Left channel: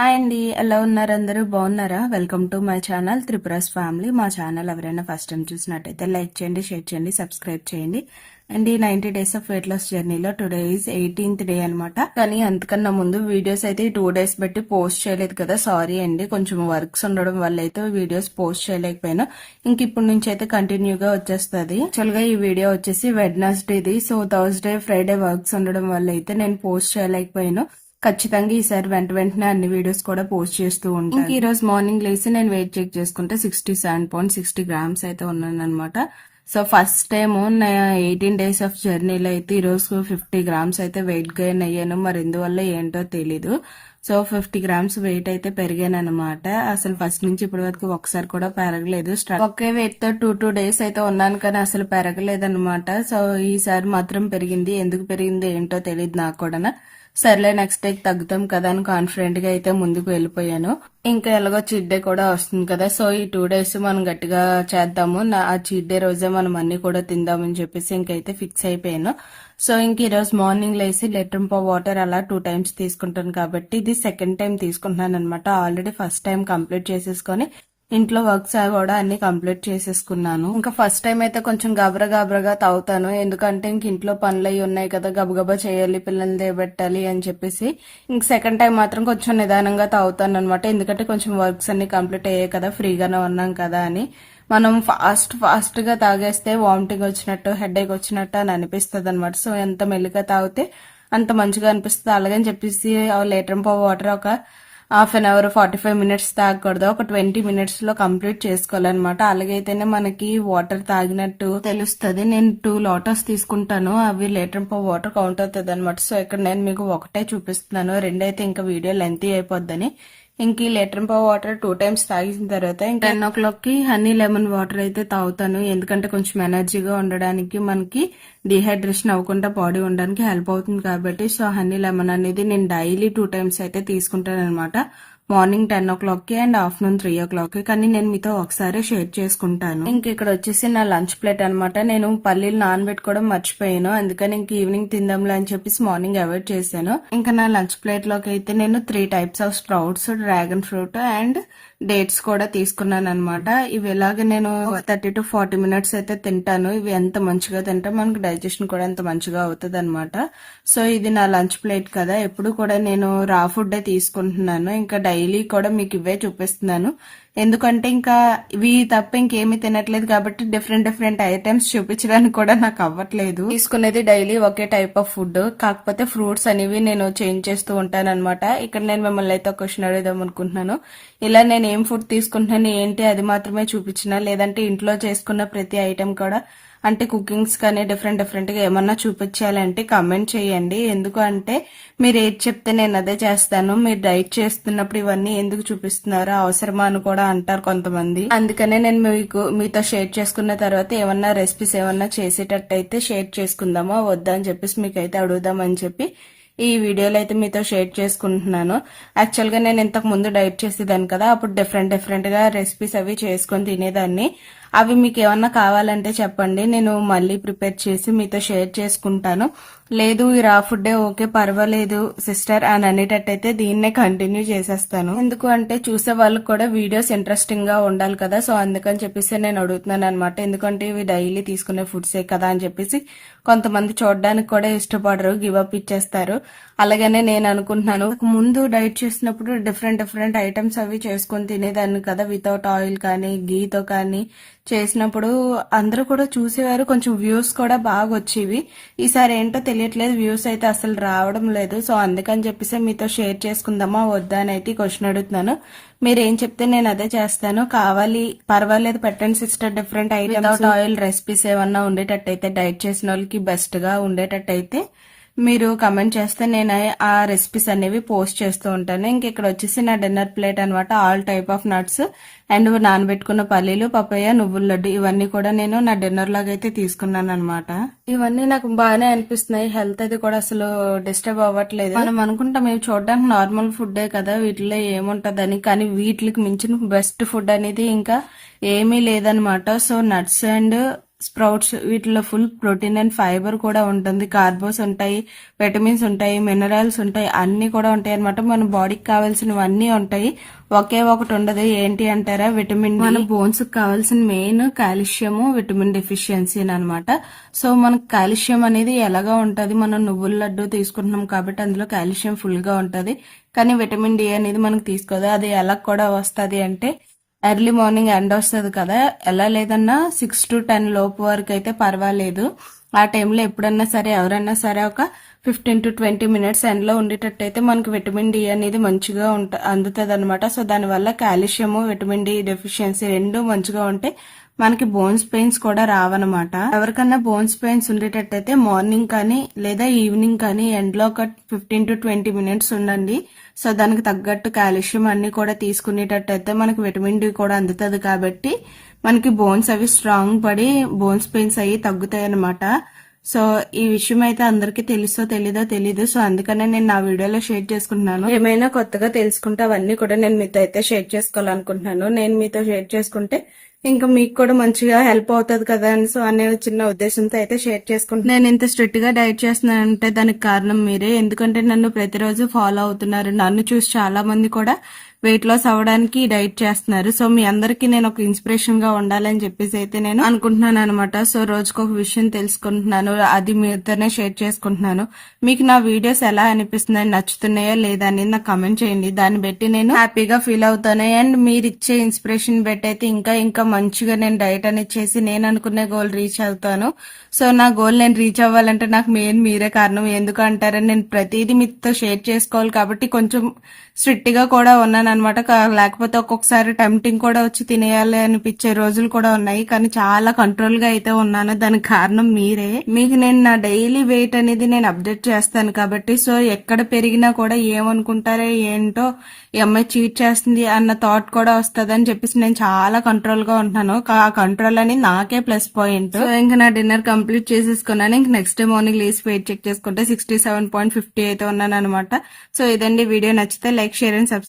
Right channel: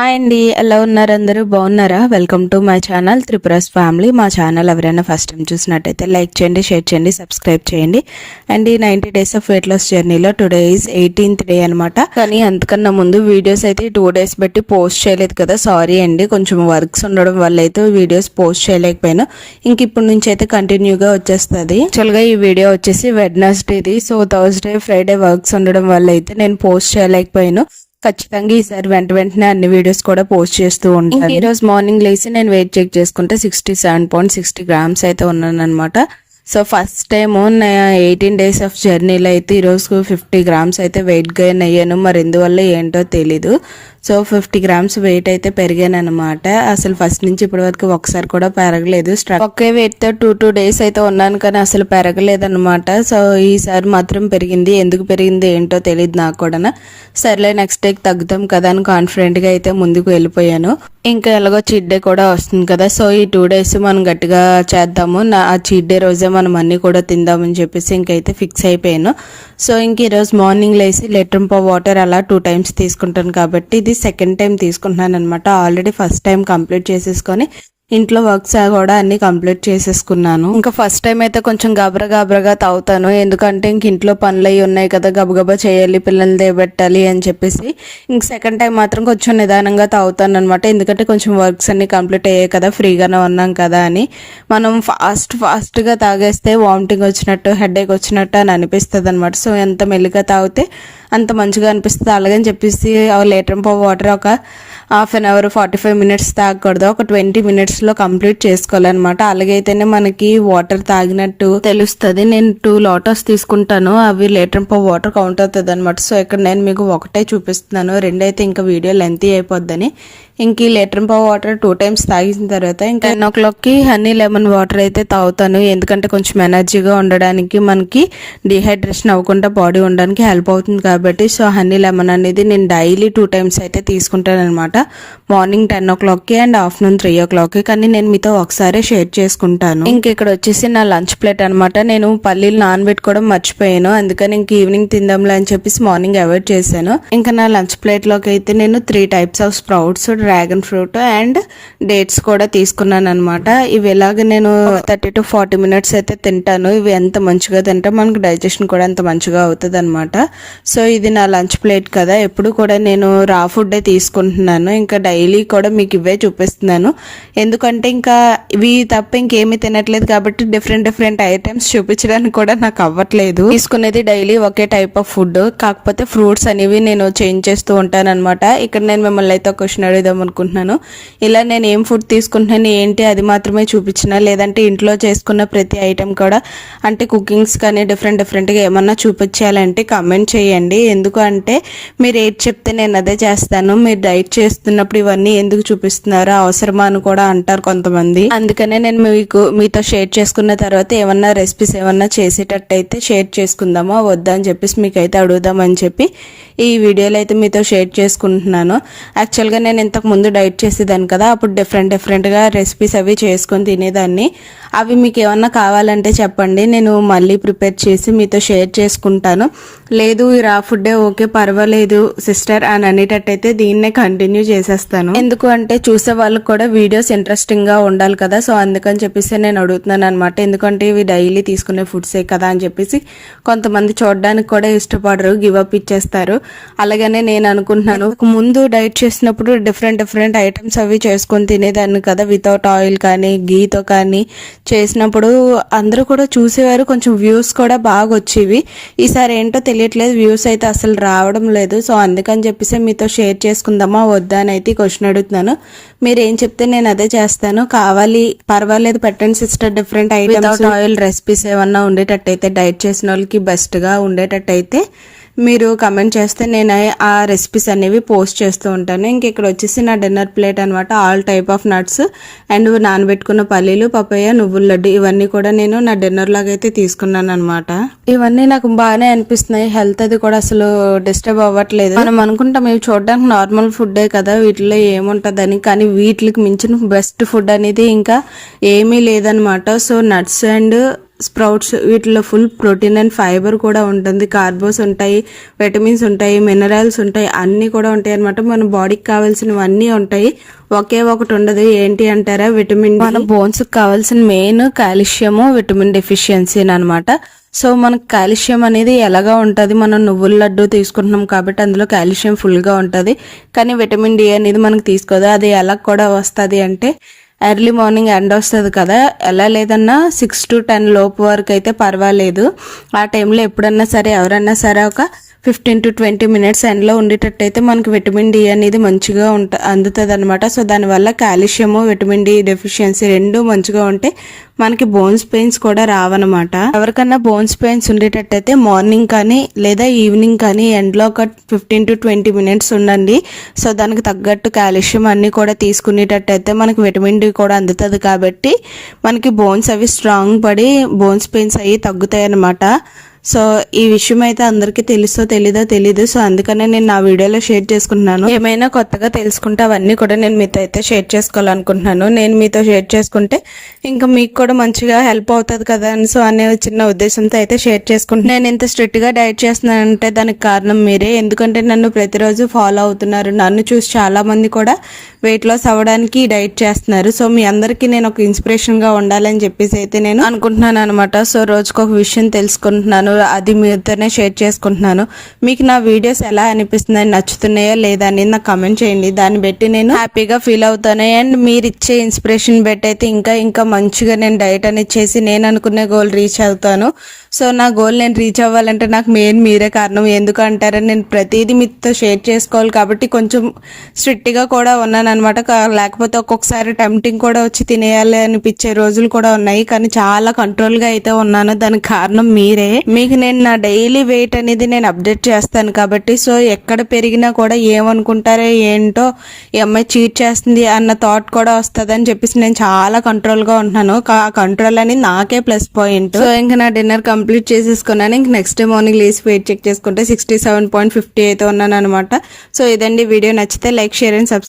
Hi అండి, ఎలా ఉన్నారు? అందరూ బాగున్నారా? Welcome to my channel Tripura's family. మా ఛానల్ ఎవరైనా ఫస్ట్ టైం చూసినట్టయితే లైక్ చేయండి, షేర్ చేయండి, సబ్స్క్రైబ్ చేయండి. అండ్ ఈ 90 డేస్ ఆఫ్ వెయిట్ లాస్ జర్నీలో టుడే ఈజ్ 18th డే అనమాట. కానీ అంతకన్నా ముందు వీడియోస్ అయితే 2 days బట్టి పోస్ట్ చేయలేదు కదా, సారీ అండి. కొంచెం వర్క్స్ ఉండడం వల్ల అయితే వీడియోస్ పోస్ట్ చేయలేకపోయాను. ఇంక ఇప్పుడు నుంచి అయితే కంటిన్యూగా వచ్చేస్తుంది. యాక్చువల్గా ఈ వీడియో వచ్చేసి వెడ్నెస్డేది. సో థర్స్డే ఫ్రైడే వర్క్స్ ఉండడం వల్ల అయితే నేను పోస్ట్ చేయలేకపోయాను. ఖచ్చితంగా ఈసారి వెంటనే అన్ని వీడియోస్ కూడా పోస్ట్ చేస్తూ ఉంటాను. ఈ రోజు మార్నింగ్ లేసి నేను వెయిట్ చెక్ చేసుకుంటే 67.60 grams అయితే ఉన్నాను అనమాట. So first time 18 days of జర్నీలో అయితే ఈరోజు 50 grams అయితే వెయిట్ గెయిన్ అయ్యాను. మరి ఎందువల్ల ఏంటో తెలీదు. సో 50 grams వెయిట్ అయితే పెరిగాను అనమాట. అసలు ఫస్ట్ నుంచి ఇప్పటి వరకు ఒకసారి కూడా పెరగలేదు. ఒకే వెయిట్ తో 2 days అయితే ఉన్నాను, కానీ అసలు పెరగలేదు అనమాట. సో ఈసారి మాత్రం పెరిగింది. ఎందుకు పెరిగింది ఏంటో తెలియదు నాకు కూడా. సర్లే నెక్స్ట్ డేకి తగ్గుతాం కదా అని కాన్ఫిడెంట్ గా అయితే ముందుకు వెళ్ళిపోయాను. ఇంకా ఎలాగో చీట్ డే కూడా వస్తుంది కదా, సో ఈ 2 days మనం గట్టిగా చేద్దాము. ఆ చీట్ డే రోజే మనం అన్ని కూడా తిందామని చెప్పేసి ఇంకైతే ఫిక్స్ అయిపోయాను. సో ఇంక ఈరోజు మార్నింగ్ లేసి లీటర్ వాటర్ అలా 2 times తీసుకుంటాను కాబట్టి ఇది సెకండ్ టైం తీసుకుంటున్నాను అనమాట. ఆల్రెడీ ఫస్ట్ టైం కంప్లీట్ చేసేసుకొని ఇంట్లో వర్క్స్ కూడా అన్ని కంప్లీట్ చేసేసుకున్నాను. ఇంకా ఫస్ట్ టైం అయితే కొంచెం గాబరగా తాగుతాను, ఎందుకంటే ఇంక ఇంట్లో పనులు అవి ఉన్నాయి కదా, గబగబా చేయాలి, పిల్లల్ని దేబెట్టాలి అని చెప్పేసి. ఇంక సెకండ్ టైం మాత్రం కొంచెం నిదానంగా తాగుతాను అనమాట. ఎందుకంటే కొంచెం వర్క్స్ అన్ని కంప్లీట్ అయ్యాయి కదా, ఫ్రీగానే ఉన్నాం కదా అని. మనం ఫాస్ట్గా తాగేస్తే వామిటింగ్ వచ్చినట్టు, హెడేక్ వచ్చినట్టు అని అనిపిస్తుంది అనమాట. సో ఎంత మెల్లిగా తాగితే అంత మంచిగా అనిపిస్తుంది. అలాగని చెప్పేసి లీటర్ వాటర్ ఒక హాఫ్ అన్ అవర్ 45 minutes తాగకూడదు, ఒక 20 minutes కంప్లీట్ చేసుకోవాలన్నమాట. అలాగైతేనే మనకి వాటర్ తాగినట్టు తెలుస్తుంది. నేను 2 lotus తీసుకుంటాను, అవి లీటర్ వాటర్ కౌంట్ అవుతుంది అనమాట. సో ఇక్కడ నేను మీకు ఒకటే చూపిస్తున్నాను, రెండైతే ఇంకా వీడియో లెంతీ అయిపోద్దని. ఇంక ఈ లీటర్ వాటర్ 2 times తాగిన తర్వాత ఇంకా 10 o'clockకి హనీ లెమన్ వాటర్ అయితే తాగుతాను. ఎందుకంటే కొంచెం ఎనర్జీగా ఉండడానికి, మనకి డిహైడ్రేషన్ అవ్వకుండా బాడీ ఉండడానికి హెల్ప్ అవుతుంది కాబట్టి. సో హనీ లెమన్ అనేది నేను డైలీ 2 times అయితే తీసుకుంటాను అనమాట. మార్నింగ్ 10 o'clockకి అండ్ ఆఫ్టర్నూన్ 3 o'clockకి. కానీ నేను మీతో ఒకసారి షేర్ చేసుకుంటాను. ఇంక ఇక్కడ వచ్చేసి నా లంచ్ ప్లేట్ అనమాట. నేను పల్లీలు నానబెట్టుకోవడం మర్చిపోయాను, అందుకని ఇంక ఈవినింగ్ తిందాంలే అని చెప్పేసి మార్నింగ్ అవాయిడ్ చేశాను. ఇంకా నా లంచ్ ప్లేట్ లోకి అయితే నేను 3 types of sprouts, dragon fruit and dates కూడా తీసుకున్నాను అనమాట. ఇవి ఎలాగ నేను 30 to 40 minutes అయితే తింటాను. ఇవి ఎంత మంచిగా తింటే మనకు డైజెషన్ కూడా అంత మంచిగా అవుతుంది అనమాట. సో ఇది నా లంచ్ ప్లేట్ కదా, ఎప్పుడు కూడా నేను రా ఫుడ్ తీసుకుంటున్నాను. ఇంకా డైలీ కూడా మీకు ఇవే చూపిస్తున్నాను, ఎందుకంటే ఇంకా ఇవి తప్ప ఇంకేమీ తినట్లేదు కాబట్టి డిఫరెంట్ ఐటమ్స్ చూపించడానికి కూడా నాకు అవ్వట్లేదు. తీసుకునేది daily okay type of food, కాకపోతే ఫ్రూట్స్ అనేవి నేను చేంజ్ చేస్తూ ఉంటాను అనమాట. ఇక్కడ నేను మిమ్మల్ని అయితే క్వశ్చన్ అడుగుదాం అనుకుంటున్నాను. ఇలా నేను ఏం ఫుడ్ తీసుకుంటున్నాను ఏంటి అది మాత్రమే చూపించిన, లేదంటే ఇంట్లో చేసుకున్న ప్రతి ఐటమ్ కూడా, అంటే కుకింగ్స్ కానీ డిఫరెంట్గా ఏమన్నా చూపించాలంటే కమెంట్ చేయండి. ఎందుకు అంటే మీరు ఏది చెప్తే నేను అదే చేస్తాను. మీరు డైట్ చేస్తున్నప్పుడు ఇవన్నీ ఎందుకు చూపిస్తున్నారో, అవసరమా అని కూడా అంటారు కొంతమంది. అందుకనే నేను మీతో షేర్ చేసుకున్న తర్వాత ఏమన్నా రెసిపీస్ ఏమన్నా చేసేటట్టయితే షేర్ చేసుకుందామా వద్దా అని చెప్పేసి మీకైతే అడుగుదామని చెప్పి ఈ వీడియోలో అయితే మీతో షేర్ చేసుకుంటున్నాను. యాక్చువల్గా నేను ఇంతకు ముందు డైట్ చేసేదాన్ని కదా, అప్పుడు డిఫరెంట్గా రెసిపీస్ అవి చేసుకొని తినేదాన్ని. అవి మీకు ఏమన్నా కావాలంటే చెప్పండి, నేను మళ్ళీ ప్రిపేర్ చేసి మీతో షేర్ చేసుకుంటాను. లేదు ఈ రా ఫుడ్డే ఓకే పర్వాలేదు సిస్టర్ అని అనేటట్టయితే దీన్నే కంటిన్యూ చేసేస్తాను. ఎందుకు అంటే చూసే వాళ్ళకి కూడా వీడియోస్ ఇంట్రెస్టింగ్గా ఉండాలి కదా, సో అందుకని చెప్పేసి నేను అడుగుతున్నాను అనమాట. ఎందుకంటే ఇవి డైలీ తీసుకునే ఫుడ్సే కదా అని చెప్పేసి కొంతమంది చూడడానికి కూడా ఇష్టపడరు, గివ్ అప్ ఇచ్చేస్తారు. అలాగనే నేను అనుకుంటున్నాను, ముందు డైట్ చేసినప్పుడు డిఫరెంట్ ఐటమ్స్ అవి చేసుకొని తినేదాన్ని కదా, వితౌట్ ఆయిల్ కానీ గీతో కానీ చేసినప్పుడు అందరూ కూడా చూసేవారు, కొంచెం వ్యూస్ కూడా బాగా వచ్చేవి. ఈసారి ఏంటో తెలియట్లేదు, వ్యూస్ అయితే అసలు రావడం లేదు. సో అందుకని చెప్పేసి మీతో షేర్ చేసుకుందామా వద్దా అని అయితే క్వశ్చన్ అడుగుతున్నాను. మీరు ఏం చెప్తే నేను అదే చేస్తాను. కావాలి పర్వాలేదు పెట్టండి sister, different items oil recipes ఏమన్నా ఉండేటట్టయితే, డైట్ చేసిన వాళ్ళకి బెస్ట్గా ఉండేటట్టయితే మీరు కమెంట్ చేస్తే నేను ఆ రెసిపీస్ అనేవి పోస్ట్ చేస్తూ ఉంటాను. ఇంక ఇక్కడ వచ్చేసి నా డిన్నర్ ప్లేట్ అనమాట. All type of nuts and నానబెట్టుకున్న పల్లీలు, పపాయ, నువ్వుల లడ్డు ఇవన్నీ కూడా నేను నా డిన్నర్ లాగా అయితే తీసుకున్నాను అనమాట. ఇవన్నీ నాకు బాగానే అనిపిస్తున్నాయి. హెల్త్ అది కూడా అసలు డిస్టర్బ్ అవ్వట్లేదు. మనం అనుకుంటాం ఇవి చూడడానికి నార్మల్ ఫుడ్డే కదా, వీటిలో ఏముంటదని, కానీ వీటికి మించిన బెస్ట్ ఫుడ్ అనేది ఇంకా ఏమీ లేదనమాట. సో నట్స్ అండ్ స్ప్రౌట్స్ వీటిలో ఫుల్ ప్రోటీన్ అండ్ ఫైబర్ కూడా ఉంటుంది, కార్బోస్ ఉంటాయి, విటమిన్స్ ఉంటాయి, మినరల్స్ ఉంటాయి, అన్నీ కూడా ఉంటాయి అనమాట. మన బాడీకి కావాల్సినవన్నీ ఉంటాయి. ఒకే ఒకటి ఉండదు, ఏంటి అంటారా? Vitamin D. మన బోన్స్ కి కావాల్సిన మెయిన్ కాల్షియము, విటమిన్ డెఫిషియన్సీ అనమాట. సో మనకు కాల్షియం అనేది ఎలాగా ఉంటుంది, మనం నువ్వుల లడ్డు తీసుకుంటున్నాం కాబట్టి అందులో కాల్షియం ఫుల్గా ఉంటుంది. కానీ విటమిన్ డి అనేది మనకు తీసుకోదు. అది ఎలా కూడా వస్తుంది అంటే ఎర్లీ మార్నింగ్ ఎండ వస్తుంది కదా, ఎలా లేదన్నా 6 to 10 లోపు వరకు అయితే పర్వాలేదు. ఆ టైంలో ఎప్పుడన్నా సరే ఎవరన్నా సరే ఒక 15 to 20 మినిట్స్ ఎండలో ఉండేటట్టయితే మనకి విటమిన్ డి అనేది మంచిగా అందుతుంది అనమాట. సో దానివల్ల కాల్షియము, విటమిన్ డి డెఫిషియన్సీ రెండు మంచిగా ఉంటే మనకి బోన్స్ పెయిన్స్ కూడా రావన్నమాట. ఎవరికన్నా బోన్స్ పెయిన్స్ ఉండేటట్టయితే మార్నింగ్ కానీ లేదా ఈవినింగ్ కానీ ఎండలో ఒక 15 to 20 మినిట్స్ ఉండండి. సో దానికి తగ్గట్టు కాల్షియం అన్నీ కూడా తీసుకునేటట్టయితే మనకి విటమిన్ డి కూడా అందుతుంది కాబట్టి మనకి బోన్స్ అవి స్ట్రాంగ్ పడి బోన్స్ పెయిన్స్ అవి తగ్గుతాయి అన్నమాట. సో ఈ విషయం అయితే అందరికీ తెలుసో తెలీదు. సో అందుకనే నేను నా వీడియోలో షేర్ చేసుకుంటున్నాను. ఏమైనా కొత్తగా తెలుసుకుంటే అవన్నీ కూడా నేను మీతో అయితే షేర్ చేసుకోవాలనుకుంటున్నాను. నేను మీతో షేర్ చేసుకుంటే ఇంకా మీకు కూడా మంచిగా హెల్ప్ అవుతుంది కదా అని సో అనే చిన్న ఉద్దేశంతో అయితే షేర్ చేసుకుంటున్నాను. నేను ఇంత స్ట్రిక్ట్ గా డైట్ చేస్తున్నానంటే దానికి కారణం మీరే. ఎందుకంటే నన్ను ప్రతిరోజు ఫాలో అవుతున్నారు. నన్ను చూసి చాలా మంది కూడా వెయిట్ లాస్ అవ్వడానికి డైట్ చేస్తున్నారు. సో మీ అందరికీ నేను ఒక ఇన్స్పిరేషన్ గా ఉండాలని చెప్పేసి అయితే నేను అనుకుంటున్నాను అనమాట. సో రోజుకు ఒక విషయం తెలుసుకుంటున్నాను, అది మీతోనే షేర్ చేసుకుంటున్నాను. మీకు నా వీడియోస్ ఎలా అనిపిస్తున్నాయి, నచ్చుతున్నాయా లేదా అని నాకు కమెంట్ చేయండి. దాన్ని బట్టి నేను హ్యాపీగా ఫీల్ అవుతాను. అండ్ మీరు ఇచ్చే ఇన్స్పిరేషన్ బట్టి అయితే ఇంకా మంచిగా నేను డైట్ అనేది చేసి నేను అనుకునే గోల్ రీచ్ అవుతాను. సో నా గోల్ నేను రీచ్ అవ్వాలంటే నాకు మెయిన్ మీరే కారణం. ఎందుకు అంటారని నేను ప్రతిదీ మీతో షేర్ చేసుకోవాలి కాబట్టి కొంచెం స్ట్రిక్ట్గా కూడా ఉన్నాను అనమాట. లేకపోతే ఒక్కొక్కసారి టెంప్టింగ్ కూడా వచ్చి తినేయాలి అనిపించే రోజులు కూడా ఉన్నాయి. కానీ చాలా కంట్రోల్గా అయితే ఉన్నాను. దానికి కారణం మీరే. మీకు నేను నా డైలీ వెయిట్ అనేది నేను అప్డేట్ చేస్తాను కాబట్టి సో ఎక్కడ పెరిగినా కూడా ఏమనుకుంటారో ఏంటో ఈ అమ్మాయి చీట్ చేస్తుంది అన్న థాట్ కూడా వస్తుంది అని చెప్పేసి నేను చాలా కంట్రోల్గా ఉంటున్నాను. ఆ కంట్రోల్ అని నాకే ప్లస్ పాయింట్. సో ఇంకా నా డిన్నర్ కంప్లీట్ చేసేసుకున్నాను. ఇంక నెక్స్ట్ డే మార్నింగ్ లేసి వెయిట్ చెక్ చేసుకుంటే 67.50 అయితే ఉన్నాను అనమాట. సో ఇదండి వీడియో. నచ్చితే లైక్, షేర్ అండ్ సబ్స్క్రైబ్.